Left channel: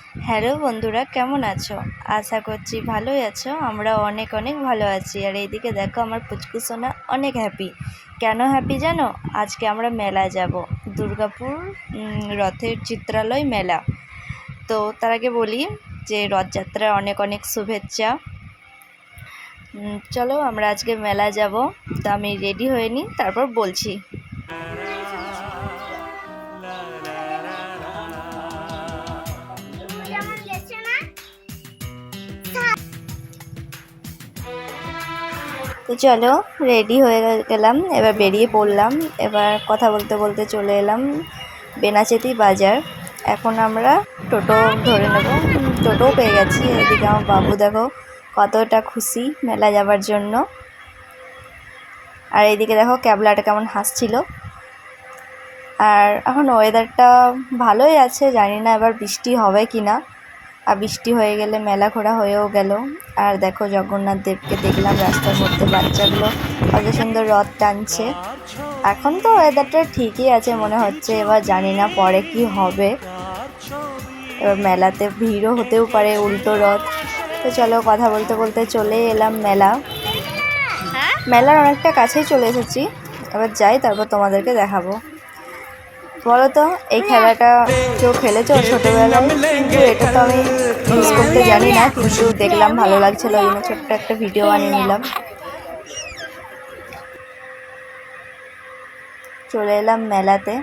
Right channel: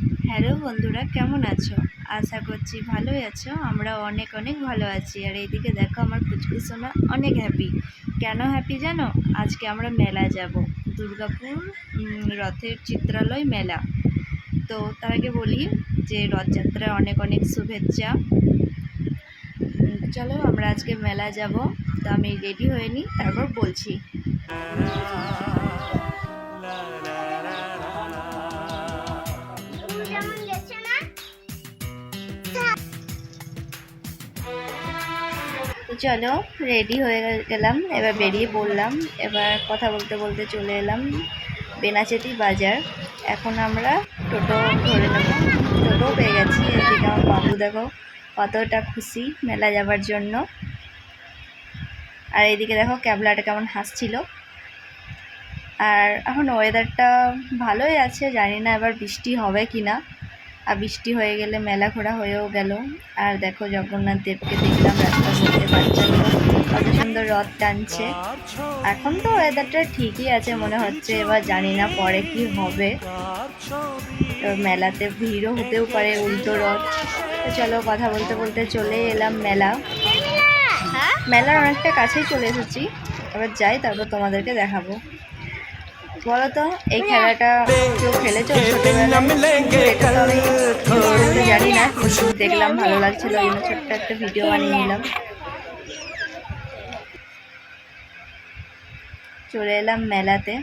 Hello বন্ধুরা, কেমন আছো? আশা করছি ভালোই আছো। আমরা অনেক অনেক ভালো আছি। আর এইদিকে দেখো, আমার পুচকু সোনা অনেক হ্যাপি। কেন হ্যাপি জানো? আজকে আমরা মেলায় যাব, দুর্গাপুর রথের চিত্রালয় মেলা। তো তার আগে বলি যে রথযাত্রার অনেক অনেক শুভেচ্ছা। চলো আমরা আজকে মেলায় যাব। তো আমি রেডি হয়ে নিই, তারপর বলছি। তো চলো, রেডি হয়ে গেলাম, এবার বেরিয়ে পড়লাম। এবার কথা বলতে বলতে চলে এলাম বেনাচেতি বাজার। এখন আমরা টোটো ধরে নেব। টোটোও পেয়ে গেছি। এদিকে আমার বাবু দেখো কতটা খুশি মেলা যাবার জন্য। আর এইদিকে দেখো ক্যাবলাটা কেমন হাসছিল। আর এখন ওয়েদারটা ভালোই আছে, জানি না এবার বৃষ্টি হবে কি না। আর বৃষ্টি হয়ে গেলে মেলা ঘোরা হয়েও গেল। আর দেখো জগন্নাথ দেবকে দেখলাম রাস্তার মধ্যে, বাচ্চাগুলো কত সুন্দর রথ টানছে। এখন তো ওয়েদারটা ঠিকই আছে মনে হচ্ছে, এবার জানি না পরে কি হবে। এবার মেলাতে ভিড়ও হতেও পারে, উল্টো রথ। তো চলো, কথা বলতে বলতে চলে এলাম মেলার অনেকটা কাছেই চলে এসেছি। এবার যাই, তারপর তোমাদেরকে দেখাবো। বলো তো, এই খেলাটা কেউ খেলেছো ছোটোবেলায়? কিন্তু এটা তো আমি মিস করতে জানি না, কিন্তু দেখলাম ভালো লাগছিলো, ওই জন্য ছোট্ট একটা ভিডিও বানিয়ে নিলাম। চলে এলাম মেলাতে।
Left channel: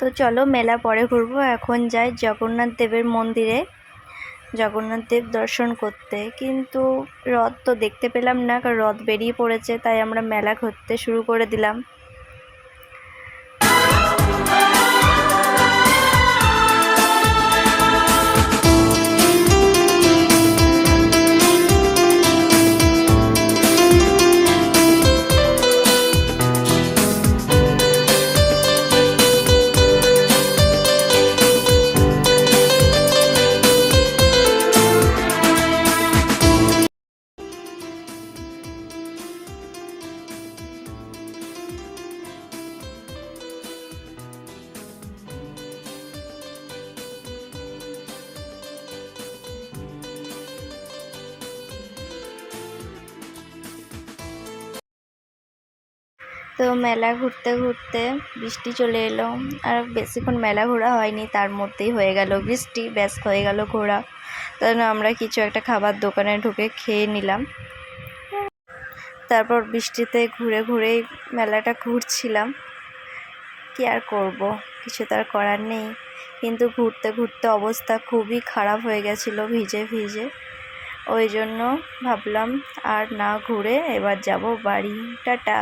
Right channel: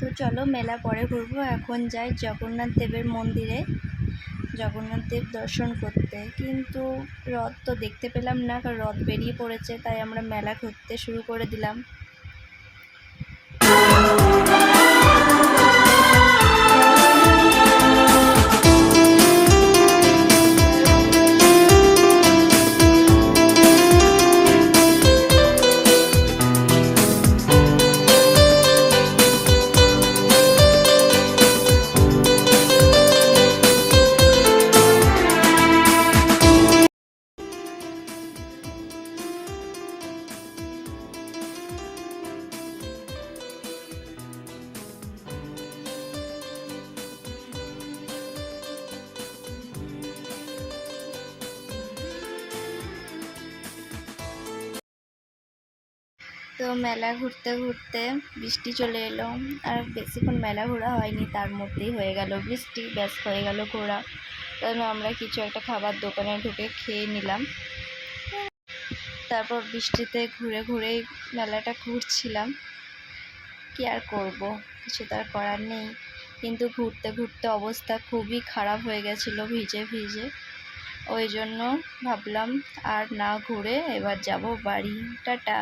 তো চলো মেলা পরে ঘুরবো। এখন যাই জগন্নাথ দেবের মন্দিরে, জগন্নাথ দেব দর্শন করতে। কিন্তু রথ তো দেখতে পেলাম না, কারণ রথ বেরিয়ে পড়েছে, তাই আমরা মেলা ঘুরতে শুরু করে দিলাম। তো মেলা ঘুরতে ঘুরতে বৃষ্টি চলে এলো। আর বেশিক্ষণ মেলা ঘোরা হয়নি, তার মধ্যেই হয়ে গেল বৃষ্টি, ব্যাস হয়ে গেল ঘোরা। তাই আমরা কিছু একটা খাবার দোকানে ঢুকে খেয়ে নিলাম। তারপর বৃষ্টিতে ঘুরে ঘুরেই মেলাটা ঘুরছিলাম। কি আর করব, কিছু তো আর করার নেই। কিন্তু ঘুরতে ঘুরতে অবস্থা খুবই খারাপ হয়ে গেছিলো ভিজে ভিজে। ওই জন্য ভাবলাম আর না ঘুরে এবার যাব বাড়ি। টাটা।